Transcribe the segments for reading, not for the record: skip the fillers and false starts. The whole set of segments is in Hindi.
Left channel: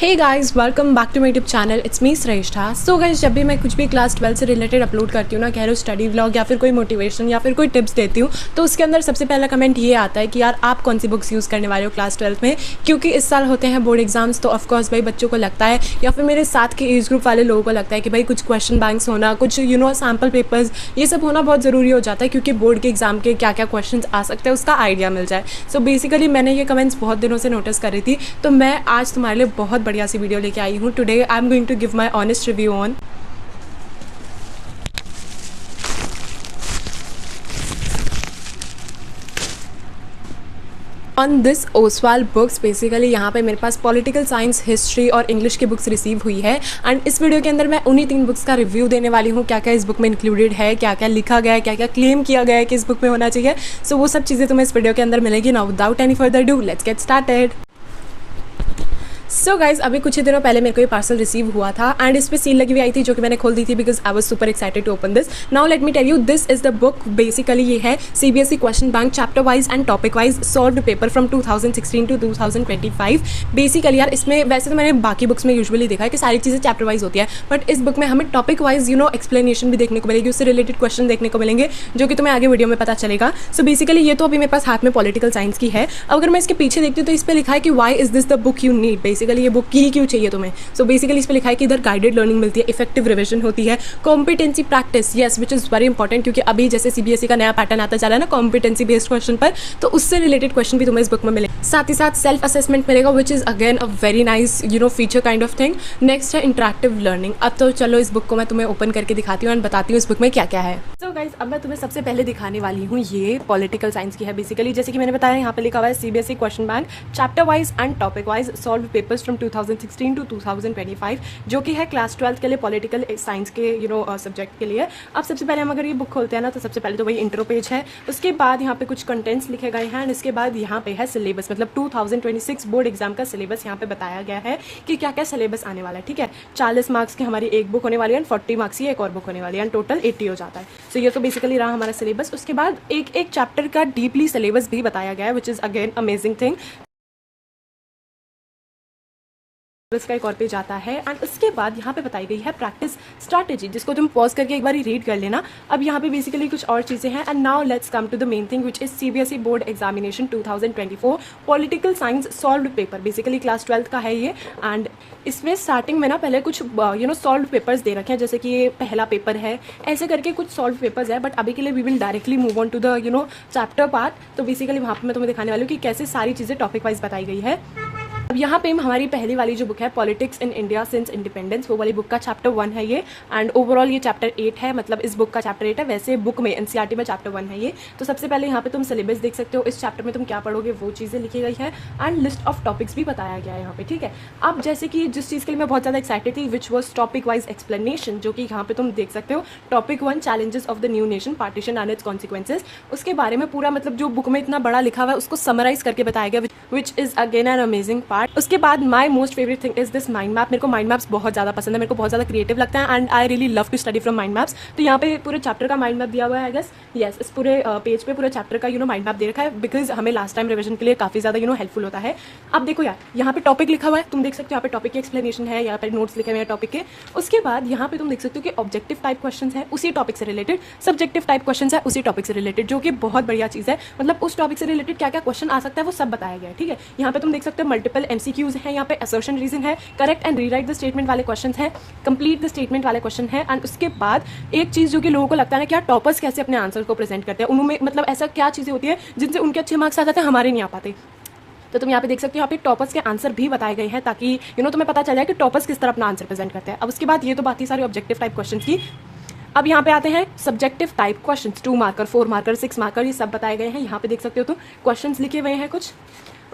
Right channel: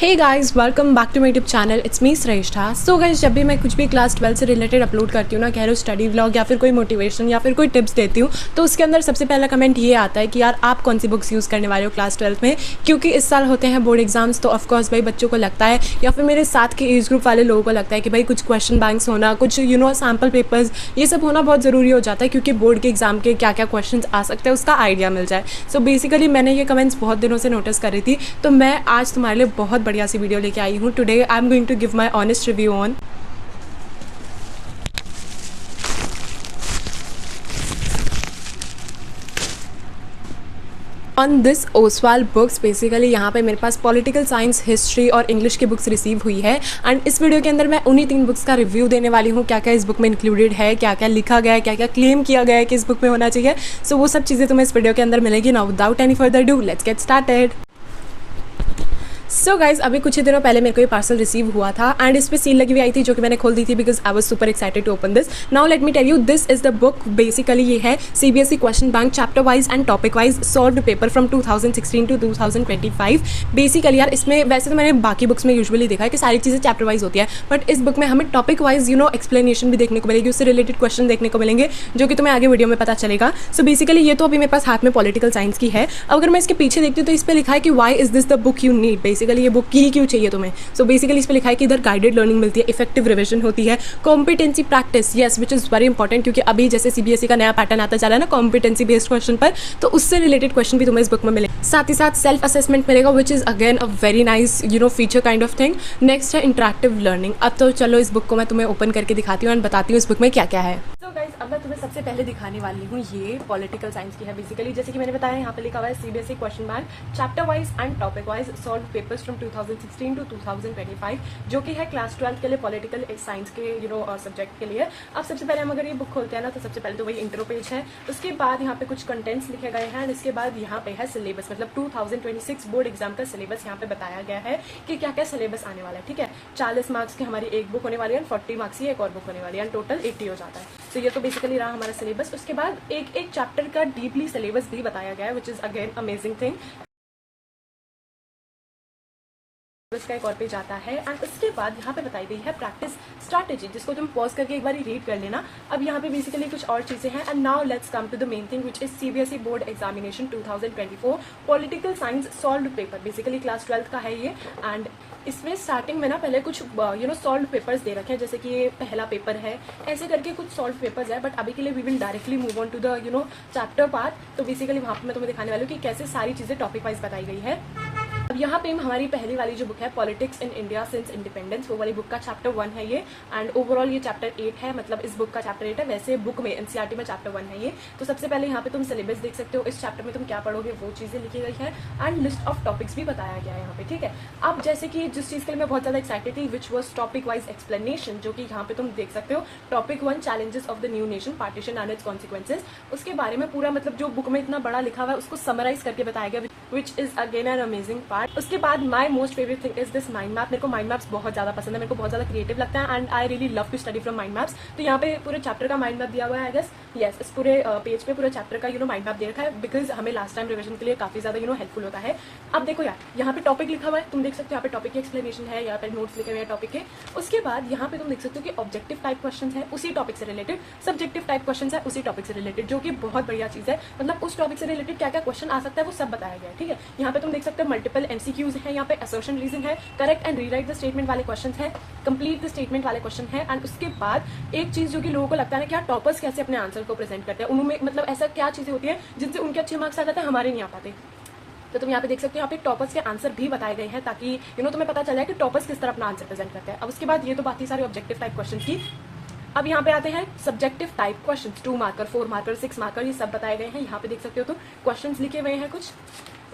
Hey guys, welcome back to my YouTube channel. It's me Shreshtha. So guys, जब भी मैं कुछ भी क्लास 12 से रिलेटेड अपलोड करती हूँ ना, कह लो स्टडी व्लॉग या फिर कोई मोटिवेशन या फिर कोई टिप्स देती हूँ, तो उसके अंदर सबसे पहला कमेंट ये आता है कि यार आप कौन सी बुक्स यूज़ करने वाले हो क्लास 12 में, क्योंकि इस साल होते हैं बोर्ड एग्जाम्स। तो ऑफकोर्स भाई बच्चों को लगता है या फिर मेरे साथ के एज ग्रुप वाले लोगों को लगता है कि भाई कुछ क्वेश्चन बैंक्स होना, कुछ सैम्पल पेपर्स, ये सब होना बहुत ज़रूरी हो जाता है, क्योंकि बोर्ड के एग्जाम के क्या क्या क्वेश्चन आ सकते हैं उसका आइडिया मिल जाए। सो बेसिकली मैंने ये कमेंट्स बहुत दिनों से नोटिस कर रही थी, तो मैं आज तुम्हारे लिए बहुत बढ़िया सी वीडियो लेके आई हूँ। Today I am going to give my honest review on this Oswaal books. Basically यहाँ पे मेरे पास पॉलिटिकल साइंस, हिस्ट्री और इंग्लिश की बुक्स रिसीव हुई है, एंड इस वीडियो के अंदर मैं उन्हीं 3 बुक्स का रिव्यू देने वाली हूँ। क्या क्या इस बुक में इंक्लूडेड है, क्या क्या लिखा गया है, क्या क्या क्लेम किया गया है कि इस बुक में होना चाहिए। सो वो सब चीज़ें तुम्हें इस वीडियो के अंदर मिलेगी। Now without any further do, let's get started. So guys, अभी कुछ ही दिनों पहले मेरे को ये पार्सल रिसीव हुआ था, एंड इस पर सील लगी हुई आई थी, जो कि मैंने खोल दी थी because I was super excited to open this. Now let me tell you, this is the book. Basically ये है CBSE question bank chapter wise and topic wise solved paper from 2016 to 2025। Basically यार इसमें वैसे तो मैंने बाकी बुक्स में यूजुअली देखा है कि सारी चीज़ें चैप्टर वाइज होती है, बट इस बुक में हमें टॉपिक वाइज एक्सप्लेनेशन भी देखने को मिलेगी, उससे रिलेटेड क्वेश्चन देखने को मिलेंगे, जो कि तुम्हें आगे वीडियो में पता चलेगा। सो बेसिकली ये तो अभी मेरे पास हाथ में पॉलिटिकल साइंस की है। अगर मैं इसके पीछे देखती हूँ तो इस पर लिखा है कि why is this the book you need. Basically ये बुक की क्यों चाहिए तुम्हें। सो बेसिकली इस पे लिखा है कि इधर गाइडेड लर्निंग मिलती है, इफेक्टिव रिविजन होती है, competency practice, yes which is very important, क्योंकि अभी जैसे सीबीएसई का नया पैटर्न आता चला है ना कॉम्पिटेंसी बेस्ड क्वेश्चन पर, तो उससे रिलेटेड क्वेश्चन भी तुम्हें इस बुक में मिलेगा। साथ ही साथ सेल्फ असेसमेंट मिलेगा, which is again a very nice feature kind of thing. Next है इंटरेक्टिव लर्निंग। अब तो चलो इस बुक को मैं तुम्हें ओपन करके दिखाती हूँ एंड बताती हूँ इस बुक में क्या क्या है। सो गाइस, अब मैं तुम्हें सबसे पहले दिखाने वाली हूँ, ये पॉलिटिकल साइंस की है। बेसिकली जैसे कि मैंने बताया, यहाँ पे लिखा हुआ है CBSE question bank chapter wise and topic wise solve papers from 2016 to 2025, जो कि है क्लास 12 के लिए पॉलिटिकल साइंस के सब्जेक्ट के लिए। अब सबसे पहले हम अगर ये बुक खोलते हैं ना, तो सबसे पहले तो वही इंट्रो पेज है, उसके बाद यहाँ पे कुछ कंटेंट्स लिखे गए हैं, एंड इसके बाद यहाँ पे है सिलेबस, मतलब 2026 बोर्ड एग्जाम का सिलेबस यहाँ पे बताया गया है कि क्या क्या सिलेबस आने वाला है। ठीक है, 40 मार्क्स की हमारी एक बुक होने वाली है, 40 मार्क्स की एक और बुक होने वाली है, एंड टोटल 80 हो जाता है। सो ये तो बेसिकली रहा हमारा सिलेबस। उसके बाद एक एक चैप्टर का डीपली सिलेबस भी बताया गया है, which is again amazing thing. इसका एक और पेज आता है, एंड उसके बाद यहाँ पे बताई गई है प्रैक्टिस स्ट्रैटेजी, जिसको तुम पॉज करके एक बार रीड कर लेना। अब यहाँ पे बेसिकली कुछ और चीजें हैं, and now let's come to the main thing, which is CBSE board examination 2024 political science solved paper. Basically class 12 का है ये, एंड इसमें स्टार्टिंग में ना पहले कुछ सॉल्व्ड पेपर्स दे रखे हैं, जैसे कि ये पहला पेपर है, ऐसे करके कुछ सॉल्व पेपर्स है। बट अभी के लिए we will directly move on to the chapter part. तो बेसिकली वहाँ पर मैं तुम्हें दिखाने वाली हूँ कि कैसे सारी चीजें टॉपिक वाइज बताई गई है। अब यहाँ पे हमारी पहली वाली जो बुक है politics in India since independence, वो वाली बुक का चैप्टर 1 है ये, एंड ओवरऑल ये चैप्टर 8 है, मतलब इस बुक का चैप्टर 8 है, वैसे बुक में एनसीईआरटी में चैप्टर 1 है ये। तो सबसे पहले यहाँ पे तुम सिलेबस देख सकते हो, इस चैप्टर में तुम क्या पढ़ोगे वो चीज़ें लिखी गई है, एंड लिस्ट ऑफ टॉपिक्स भी बताया गया है यहाँ पे। ठीक है, अब जैसे कि जिस चीज़ के लिए मैं बहुत ज़्यादा एक्साइटेड थी, which was topic wise explanation, जो कि यहाँ पे तुम देख सकते हो। Topic 1 challenges of the new nation partition and it's consequences, उसके बारे में पूरा मतलब जो बुक में इतना बड़ा लिखा हुआ है उसको समराइज करके बताया गया, which is again an amazing part. उसके बाद my most favourite thing is this mind map. मेरे को माइंड मैप्स बहुत ज़्यादा पसंद है, मेरे को बहुत ज़्यादा क्रिएटिव लगता है, and I really love to study from mind maps. तो यहाँ पे पूरे चैप्टर का माइंड मैप दिया हुआ है, आई गेस यस, इस पूरे पेज पे पूरे चैप्टर का माइंड मैप दे रखा है, बिकॉज हमें लास्ट टाइम रिविजन के लिए काफ़ी ज़्यादा हेल्पफुल होता है। अब देखो यार, यहाँ पे टॉपिक लिखा हुआ है, तुम देख सकते हो यहाँ पे टॉपिक की एक्सप्लेनेशन है, यहाँ पे नोट्स लिखे हुए हैं टॉपिक के। उसके बाद यहाँ पे तुम देख सकते हो कि ऑब्जेक्टिव टाइप क्वेश्चन है उसी टॉपिक से रिलेटेड, सब्जेक्टिव टाइप क्वेश्चन है उसी टॉपिक से रिलेटेड, जो कि बहुत बढ़िया चीज़ है। मतलब उस टॉपिक से रिलेटेड क्या क्या क्वेश्चन आ सकता है वो सब बताया गया है। ठीक है, यहाँ पे तुम देख सकते हो मल्टीपल एमसीक्यूज है, यहाँ पे असर्शन रीजन है, correct and rewrite the statement वाले क्वेश्चन है, कंप्लीट द स्टेटमेंट वाले क्वेश्चन है, एंड उसके बाद एक चीज जो कि लोगों को लगता है ना, क्या टॉपर्स कैसे अपने आंसर को प्रेजेंट करते हैं, उनमें मतलब ऐसा क्या चीजें होती है जिनसे उनके अच्छे मार्क्स आ जाते हैं, हमारे नहीं आ पाते। तो तुम यहाँ पे देख सकते हो, यहाँ पे टॉपर्स के आंसर भी बताए गए हैं, ताकि तुम्हें पता चले कि टॉपर्स किस तरह अपना आंसर प्रेजेंट करते हैं। अब उसके बाद ये तो बात ही सारी ऑब्जेक्टिव टाइप क्वेश्चन की। अब यहाँ पे आते हैं subjective type questions, 2 marker, 4 marker, 6 marker, ये सब बताए गए हैं। यहाँ पे देख सकते हो तो क्वेश्चंस लिखे हुए हैं कुछ।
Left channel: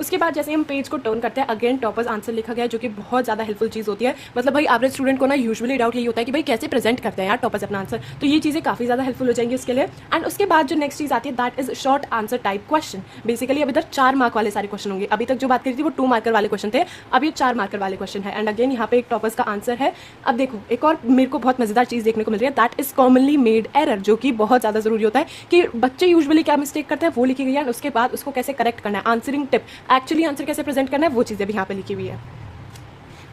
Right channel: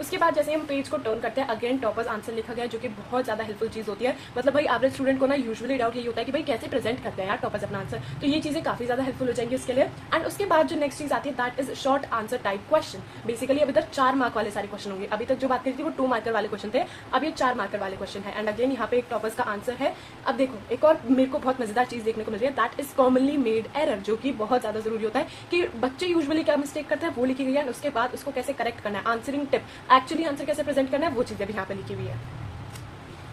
उसके बाद जैसे हम पेज को टर्न करते हैं, अगेन टॉपर्स आंसर लिखा गया है, जो कि बहुत ज़्यादा हेल्पफुल चीज़ होती है। मतलब भाई एवरेज स्टूडेंट को ना यूजुअली डाउट यही होता है कि भाई कैसे प्रेजेंट करते हैं यार टॉपर्स अपना आंसर, तो ये चीज़ें काफ़ी ज़्यादा हेल्पफुल हो जाएंगी उसके लिए। एंड उसके बाद जो नेक्स्ट चीज़ आती है that is short answer type question. Basically अभी तक 4 मार्क वाले सारे क्वेश्चन होंगे, अभी तक जो बात करी थी वो 2 मार्कर वाले क्वेश्चन थे, अब ये 4 मार्कर वाले क्वेश्चन है। एंड अगेन यहाँ पे एक टॉपर्स का आंसर है। अब देखो एक और मेरे को बहुत मजेदार चीज़ देखने को मिल रही है, that is commonly made error, जो कि बहुत ज़्यादा जरूरी होता है कि बच्चे यूजुअली क्या मिस्टेक करते हैं वो लिखी गई है, उसके बाद उसको कैसे करेक्ट करना है, आंसरिंग टिप, एक्चुअली आंसर कैसे प्रेजेंट करना है, वो चीज़ें भी यहाँ पे लिखी हुई है।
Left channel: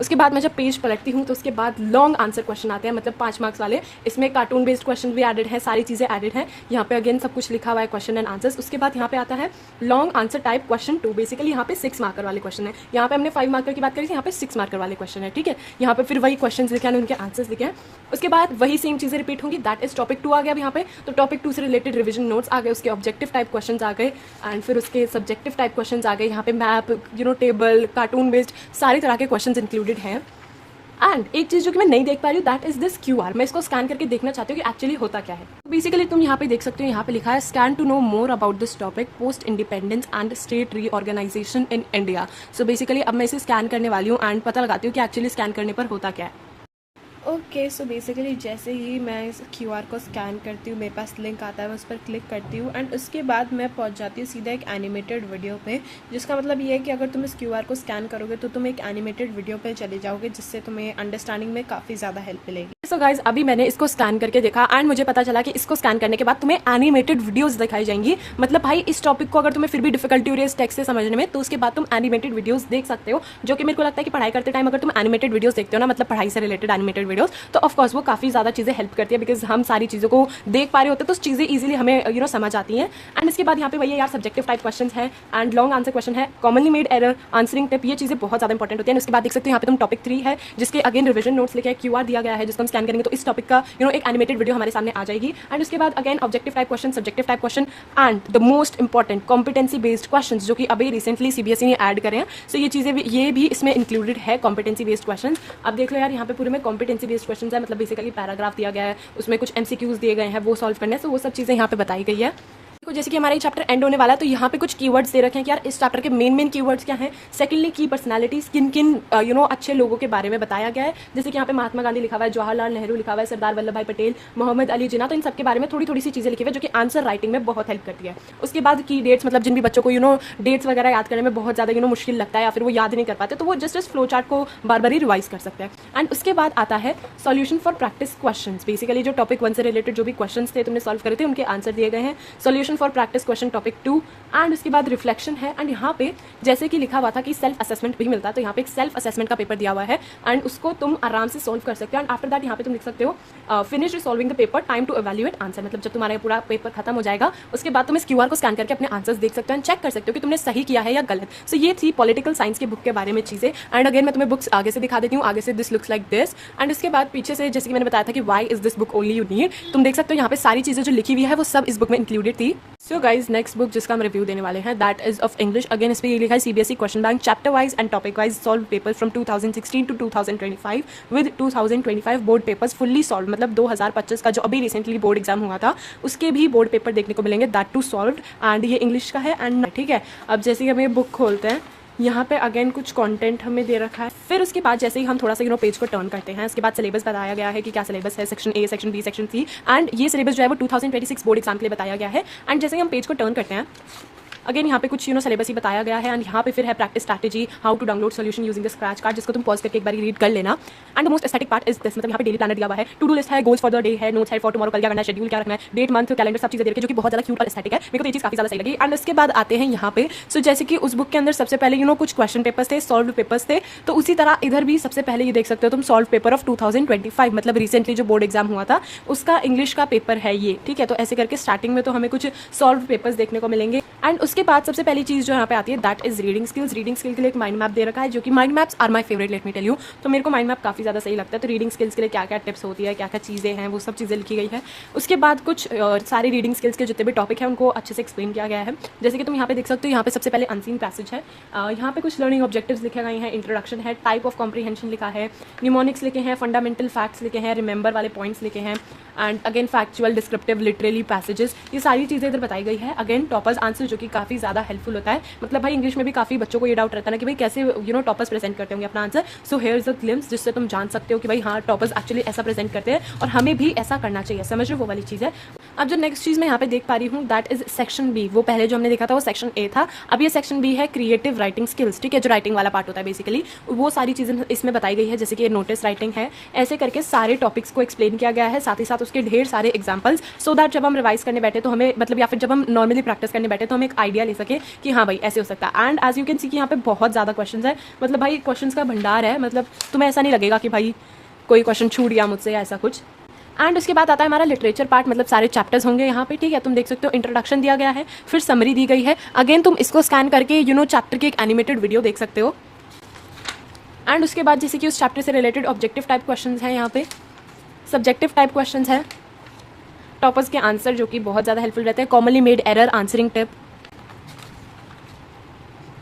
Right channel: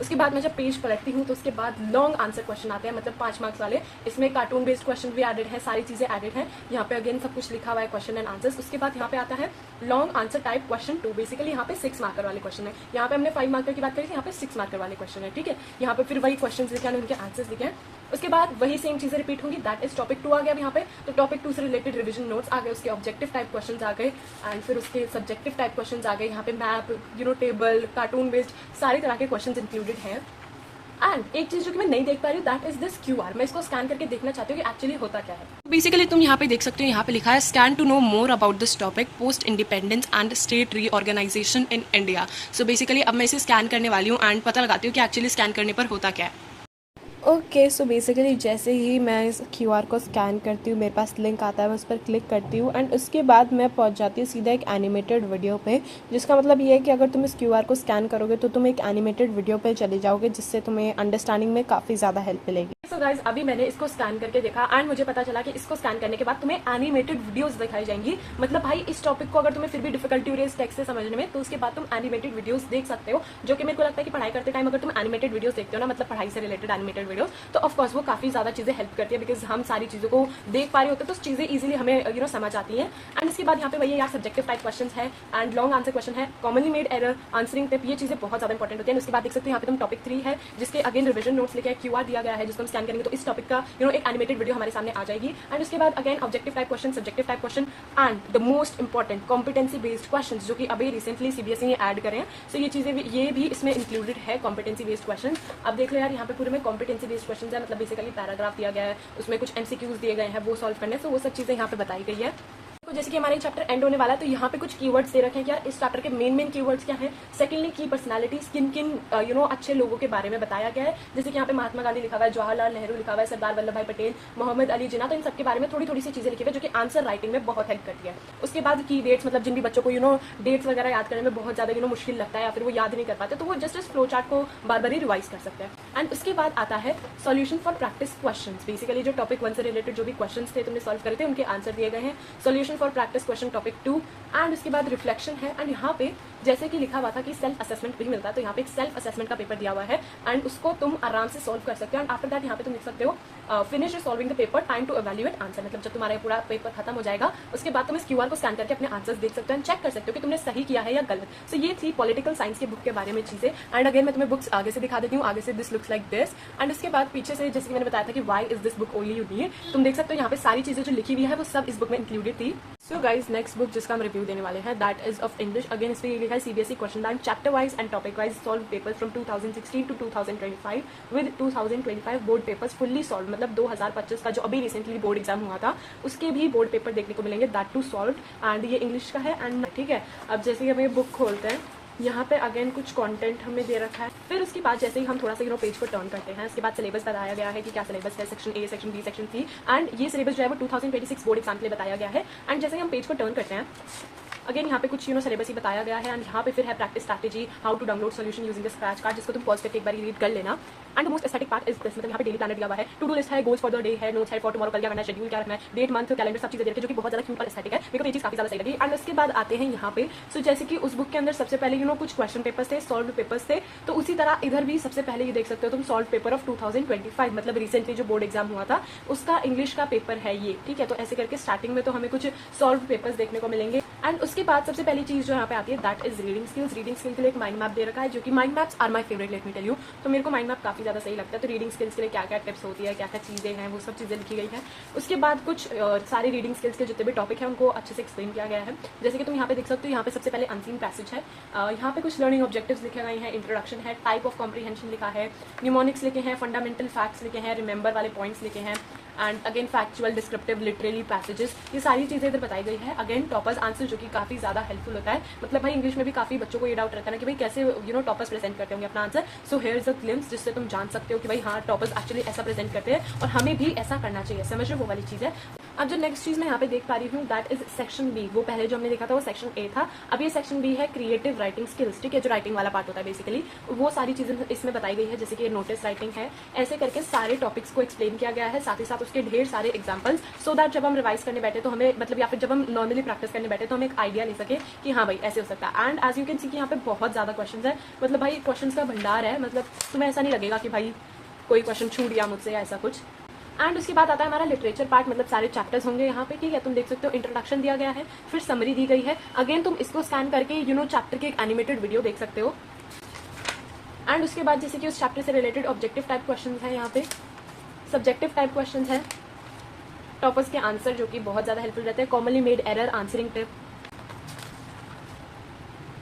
उसके बाद मैं जब पेज पलटती हूँ तो उसके बाद लॉन्ग आंसर क्वेश्चन आते हैं, मतलब 5 मार्क्स वाले। इसमें कार्टून बेस्ड क्वेश्चन भी एडेड है, सारी चीज़ें एडेड हैं। यहाँ पे अगेन सब कुछ लिखा हुआ है, क्वेश्चन एंड आंसर्स। उसके बाद यहाँ पे आता है long answer type question 2। Basically यहाँ पे 6 मार्कर वाले क्वेश्चन है। यहाँ पे हमने 5 मार्कर की बात करी थी, यहाँ पे 6 मार्कर वाले क्वेश्चन है, ठीक है। यहाँ पे फिर वही क्वेश्चन लिखे हैं, उनके आंसर्स लिखे हैं। उसके बाद वही सेम चीज़ें रिपीट होंगी। दैट इज टॉपिक 2 आ गया अब यहाँ पे। तो टॉपिक 2 से रिलेटेड रिविजन नोट्स आ गए, उसके ऑब्जेक्टिव टाइप क्वेश्चन आ गए, एंड फिर उसके सब्जेक्टिव टाइप क्वेश्चन आ गए। यहाँ पे मैप, टेबल, कार्टून बेस्ड सारी तरह के क्वेश्चन इंक्लूडेड हैं। एंड एक चीज़ जो कि मैं नहीं देख पा रही हूँ, दैट इज दिस QR। मैं इसको स्कैन करके देखना चाहती हूँ कि एक्चुअली होता क्या है। बेसिकली तुम यहाँ पे देख सकते हो, यहाँ पे लिखा है scan to know more about this topic, post independence and state reorganisation in India. So basically अब मैं इसे स्कैन करने वाली हूँ एंड पता लगाती हूँ कि एक्चुअली स्कैन करने पर होता क्या है। ओके, सो बेसिकली जैसे ही मैं इस QR को स्कैन करती हूँ, मेरे पास लिंक आता है, मैं उस पर क्लिक करती हूँ एंड उसके बाद मैं पहुँच जाती हूँ सीधा एक एनिमेटेड वीडियो पे, जिसका मतलब ये है कि अगर तुम इस QR को स्कैन करोगे तो तुम एक एनिमेटेड वीडियो पे चले जाओगे, जिससे तुम्हें अंडरस्टैंडिंग में काफ़ी ज़्यादा हेल्प मिलेगी। सो गाइज, अभी मैंने इसको स्कैन करके देखा एंड मुझे पता चला कि इसको स्कैन करने के बाद तुम्हें एनिमेटेड वीडियोज़ दिखाई जाएंगी। मतलब भाई, इस टॉपिक को अगर तुम्हें फिर भी डिफिकल्टी हो रही है टेक्स्ट से समझने में, तो उसके बाद तुम एनिमेटेड वीडियोज़ देख सकते हो, जो कि मेरे को लगता है कि पढ़ाई करते टाइम अगर तुम एनिमेटेड वीडियोज़ देखते हो ना, मतलब पढ़ाई से रिलेटेड एनिमेटेड वीडियोज़, तो ऑफकोर्स वो काफ़ी ज़्यादा चीज़ें हेल्प करती है, बिकॉज हम सारी चीज़ों को देख पा रहे होते हैं, तो चीज़ें इजीली हमें समझ आती हैं। एंड इसके बाद यहाँ पे वही यार सब्जेक्टिव टाइप क्वेश्चन है एंड लॉन्ग आंसर क्वेश्चन है, commonly made error, answering tip, ये चीज़ें बहुत ज़्यादा इंपॉर्टेंट होती है। उसके बाद देख सकते हो यहाँ पे तुम टॉपिक 3 है, जिसके अगेन रिविजन नोट्स लिखे QR दिया गया है, जिसको हम स्कैन करेंगे तो इस टॉपिक का एक एनिमेटेड वीडियो हमारे सामने आ जाएगी। एंड उसके बाद again objective type question, subjective type question and the most important competency based question, जो कि अभी रिसेंटली CBSE ने ऐड करे हैं। सो ये चीज़ें ये भी इसमें इंक्लूडेड है, कॉम्पिटेंसी बेस्ड क्वेश्चन। अब देख लो यार, यहाँ पे पूरे में कॉम्पिटेंसी बेस्ड क्वेश्चन है, मतलब बेसिकली पैराग्राफ दिया गया है, उसमें कुछ MCQs दिए गए हैं, वो सॉल्व करने, तो वो सब चीज़ें यहाँ पे बताई गई है। जैसे कि हमारा ये चैप्टर एंड होने वाला है, तो यहाँ पे कुछ कीवर्ड्स दे रखे हैं कि यार इस चैप्टर के मेन कीवर्ड्स क्या हैं। सेकंडली, की पर्सनालिटीज, किन अच्छे लोगों के बारे में बताया गया है। जैसे कि यहाँ पे महात्मा गांधी लिखा हुआ है, जवाहरलाल नेहरू लिखा हुआ है, सरदार वल्लभ भाई पटेल, मोहम्मद अली जिन्ना, तो इन सबके बारे में थोड़ी सी चीज़ें लिखी हुई है, जो कि आंसर राइटिंग में बहुत हेल्प करती है। उसके बाद की डेट्स, मतलब जिन भी बच्चों को डेट्स वगैरह याद करने में बहुत ज़्यादा मुश्किल लगता है या फिर वो याद नहीं कर पाते, तो वो जस्ट फ्लो चार्ट को बार बार ही रिवाइज कर सकते हैं। एंड उसके बाद आता है solution for practice question. Basically जो टॉपिक 1 से रिलेटेड जो भी क्वेश्चन थे तुमने सॉल्व करे थे, उनके आंसर दिए गए हैं। Solution for practice question topic 2 and उसके बाद रिफ्लेक्शन है। एंड यहाँ पे जैसे कि लिखा हुआ था कि सेल्फ असेसमेंट भी मिलता है, तो यहाँ पे एक सेल्फ असेसमेंट का पेपर दिया हुआ है एंड उसको तुम आराम से सोल्व कर सकते हो। एंड आफ्टर दैट यहाँ पे तुम लिख सकते हो finish resolving the paper, time to evaluate answer. मतलब जब तुम्हारा पूरा पेपर खत्म हो जाएगा, उसके बाद तुम इस QR को स्कैन करके अपने आंसर्स देख सकते हो एंड चेक कर सकते हो कि तुमने सही किया है या गलत। सो ये थी पॉलिटिकल साइंस की बुक के बारे में चीज़ें। एंड अगेन मैं तुम्हें बुक्स आगे से दिखा देती हूँ, आगे से this looks like this. And उसके बाद पीछे से जैसे कि मैंने बताया था कि why is this book only you need, तुम देख सकते हो यहाँ पे सारी चीज़ें जो लिखी हुई है वो सब इस बुक में इंक्लूडेड थी। सो गाइज, नेक्स्ट बुक जिसका हम रिव्यू देने वाले हैं, that is of English. Again इस पर ये लिखा है CBSE question bank, chapter wise and topic wise solved paper from 2016 to 2025 with 2025 board papers fully solved. मतलब 2025 का जो अभी रिसेंटली बोर्ड एग्जाम हुआ था, उसके भी बोर्ड पेपर देखने को मिलेंगे, दैट टू सॉल्व। एंड ये इंग्लिश का है एंड ठीक है। अब जैसे कि हम ये बुक खोलते हैं, यहाँ पे अगेन कुछ कंटेंट हमें दे रखा है। फिर उसके बाद जैसे ही हम थोड़ा सा पेज को टर्न करते हैं, उसके बाद सिलेबस बताया गया है कि क्या सिलेबस है, section A, section B, section C। And ये सिलेबस जो है वो 2026 बोर्ड एग्जाम के लिए बताया गया है। एंड जैसे ही हम पेज को टर्न करते हैं, अगेन यहाँ पे कुछ सिलेबस ही बताया गया है। एंड यहाँ पे फिर है practice strategy, how to download solution using the scratch card, जिसको तुम पॉज करके एक बार रीड कर लेना। And the most aesthetic part is this, मतलब यहाँ पे डेली प्लानर दिया हुआ है, टू डू लिस्ट है, गोल्स फॉर द डे है, नोट्स है फॉर टुमारो, कल क्या करना है, शेड्यूल क्या रखना है, डेट, मंथ, कैलेंडर, सब चीज़ें दे रखी है, जो कि बहुत ज़्यादा क्यूट और एस्थेटिक है। मेरे को ये चीज़ काफ़ी ज़्यादा सही लगी। एंड उसके बाद आते हैं यहाँ पे, सो जैसे कि उस बुक के अंदर सबसे पहले कुछ क्वेश्चन पेपर्स थे, सॉल्व पेपर्स थे, तो उसी तरह इधर भी सबसे पहले ये देख सकते हो तुम सॉल्व पेपर ऑफ 2025, मतलब रिसेंटली जो बोर्ड एग्जाम हुआ था उसका इंग्लिश का पेपर है ये, ठीक है। तो ऐसे करके स्टार्टिंग में तो हमें कुछ सॉल्व पेपर्स देखने को मिलेंगे। एंड उसके बाद सबसे पहली चीज़ जो यहाँ पे आती है, that is reading skills. Reading skill के लिए एक माइंड मैप दे रखा है, जो कि mind maps are my favourite, let me tell you. तो मेरे को माइंड मैप काफ़ी ज़्यादा सही लगता है। तो रीडिंग स्किल्स के लिए क्या क्या टिप्स होती है, क्या क्या चीज़ें हैं, वो सब चीज़ें लिखी गई है। उसके बाद कुछ सारे रीडिंग स्किल्स के जितने भी टॉपिक हैं उनको अच्छे से एक्सप्लेन किया गया है। जैसे कि तुम यहाँ पे देख सकते हो, यहाँ पे सबसे पहले अनसीन पैसेज है, यहाँ पे कुछ लर्निंग ऑब्जेक्टिव्स लिखे गए हैं, इंट्रोडक्शन है, टाइप ऑफ कॉम्प्रीहेंशन लिखा है, न्यूमोनिक्स लिखे हैं, फंडामेंटल फैक्ट्स लिखे हैं, रिमेंबर वाले पॉइंट्स लिखे हैं, and again factual, descriptive, literally passages, ये सारी चीज़ें इधर बताई गई है। अगेन टॉपर्स आंसर, जो कि काफ़ी ज़्यादा हेल्पफुल होता है। मतलब भाई इंग्लिश में भी काफ़ी बच्चों को ये डाउट रहता है ना कि भाई कैसे टॉपर्स प्रेजेंट करते होंगे अपना answer. So here is a glimpse, जिससे तुम जान सकते हो कि भाई हाँ, टॉपर्स एक्चुअली ऐसा प्रेजेंट करते हैं और हमें भी ऐसा करना चाहिए। समझ रहे हो, वो वाली चीज़ है। अब जो नेक्स्ट चीज़ मैं यहाँ पे देख पा रही हूँ दैट इज सेक्शन बी। वो पहले जो हमने देखा था वो सेक्शन ए था, अब ये सेक्शन बी है क्रिएटिव राइटिंग स्किल्स। ठीक है, जो राइटिंग वाला पार्ट होता है बेसिकली वो सारी चीज़ें इसमें बताई गई है, जैसे कि नोटिस राइटिंग है, ऐसे करके सारे टॉपिक्स को एक्सप्लेन किया गया है, साथ ही साथ उसके ढेर सारे एग्जाम्पल्स, सो दैट जब हम रिवाइज करने बैठे तो हमें मतलब या फिर जब हम नॉर्मली प्रैक्टिस करने बैठे तो हमें एक आइडिया ले सके कि हाँ भाई ऐसे हो सकता है। And as you can see कि यहाँ पे बहुत ज़्यादा क्वेश्चन है, मतलब भाई क्वेश्चन का भंडार है, मतलब तुम्हें ऐसा नहीं लगेगा कि भाई कोई क्वेश्चन छूट गया मुझसे या ऐसा कुछ। एंड उसके बाद आता है हमारा लिटरेचर पार्ट, मतलब सारे चैप्टर्स होंगे यहाँ पे। ठीक है, तुम देख सकते हो इंट्रोडक्शन दिया गया है, फिर समरी दी गई है। अगेन तुम इसको स्कैन करके चैप्टर की एक एनिमेटेड वीडियो देख सकते हो। एंड उसके बाद जैसे कि उस चैप्टर से रिलेटेड ऑब्जेक्टिव टाइप क्वेश्चंस हैं, यहाँ पे सब्जेक्टिव टाइप क्वेश्चंस हैं, टॉपर्स के आंसर जो कि बहुत ज़्यादा हेल्पफुल रहते हैं, commonly made error answering tip.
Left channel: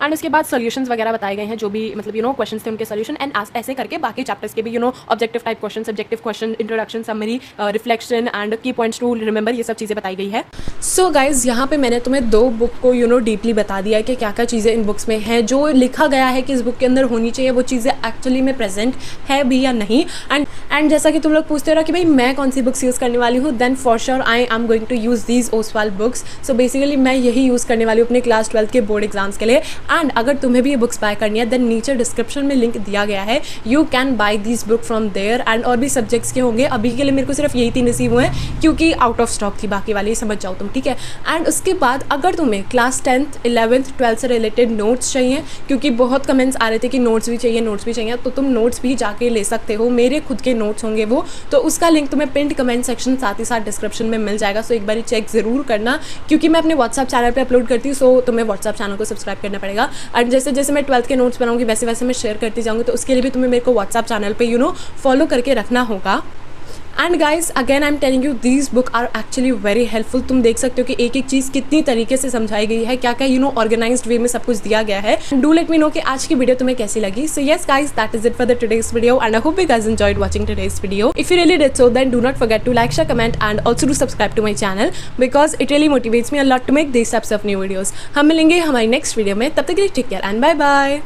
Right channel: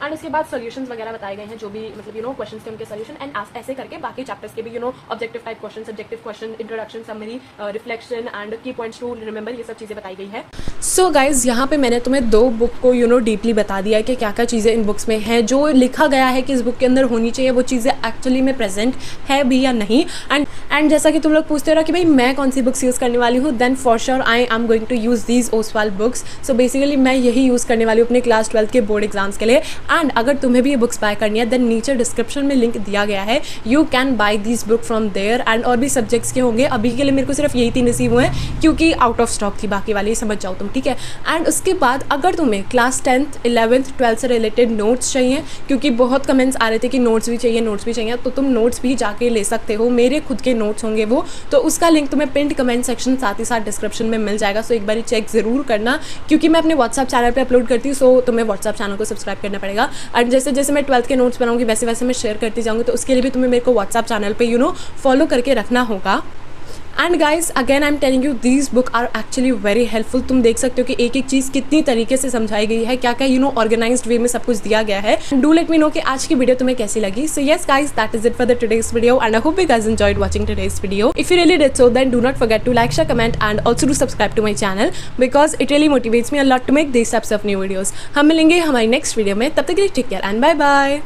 And उसके बाद सॉल्यूशंस वगैरह बताए गए हैं, जो भी मतलब क्वेश्चंस थे उनके सॉल्यूशन। एंड ऐसे करके बाकी चैप्टर्स के भी objective type question, subjective question, introduction, summary, reflection and की पॉइंट्स टू रिमेंबर, ये सब चीज़ें बताई गई है। सो गाइज यहाँ पे मैंने तुम्हें 2 बुक को डीपली बता दिया है कि क्या क्या चीज़ें इन बुक्स में हैं, जो लिखा गया है कि इस बुक के अंदर होनी चाहिए वो चीज़ें एक्चुअली में प्रेजेंट है भी या नहीं। एंड जैसा कि तुम लोग पूछते हो रहा कि भाई मैं कौन सी बुक्स यूज़ करने वाली हूँ, then for sure I am going to use these Oswaal books. So basically मैं यही यूज़ करने वाली हूँ अपने क्लास 12 के बोर्ड एग्जाम्स के लिए। एंड अगर तुम्हें भी ये बुक्स बाय करनी है देन नीचे डिस्क्रिप्शन में लिंक दिया गया है, you can buy this book from there. And और भी सब्जेक्ट्स के होंगे, अभी के लिए मेरे को सिर्फ यही 3 रिसीव हुए हैं क्योंकि आउट ऑफ स्टॉक थी, बाकी वाले समझ जाओ तुम। ठीक है, एंड उसके बाद अगर तुम्हें क्लास 10th 11th 12th से रिलेटेड नोट्स चाहिए, क्योंकि बहुत कमेंट्स आ रहे थे कि नोट्स भी चाहिए, तो तुम नोट्स भी जाके ले सकते हो, मेरे खुद के नोट्स होंगे वो, तो उसका लिंक तुम्हें पिंड कमेंट सेक्शन साथ ही साथ डिस्क्रिप्शन में मिल जाएगा। सो एक बार चेक ज़रूर करना, क्योंकि मैं अपने व्हाट्सअप चैनल पे अपलोड करती हूँ, सो तुम्हें व्हाट्सअप चैनल को सब्सक्राइब करना पड़ेगा। एंड जैसे जैसे मैं 12th के नोट्स बनाऊंगी वैसे वैसे मैं शेयर करती जाऊँगी, तो उसके लिए भी तुम्हें मेरे को व्हाट्सअप चैनल पे फॉलो करके रखना होगा। And guys again I am telling you these book are actually very helpful. तुम देख सकते हो कि एक एक चीज़ कितनी तरीके से समझाई गई है, क्या क्या ऑर्गेनाइज्ड वे में सब कुछ दिया गया है। डू लेट मी नो कि आज की वीडियो तुम्हें कैसी लगी। So yes guys, that is it for the today's video and I hope you guys enjoyed watching today's video. If you really did so then do not forget to like, share, comment and also do subscribe to my channel, because it really motivates me a lot to make this types of new videos. हम मिलेंगे हमारी नेक्स्ट वीडियो में, तब तक के लिए take care and bye bye.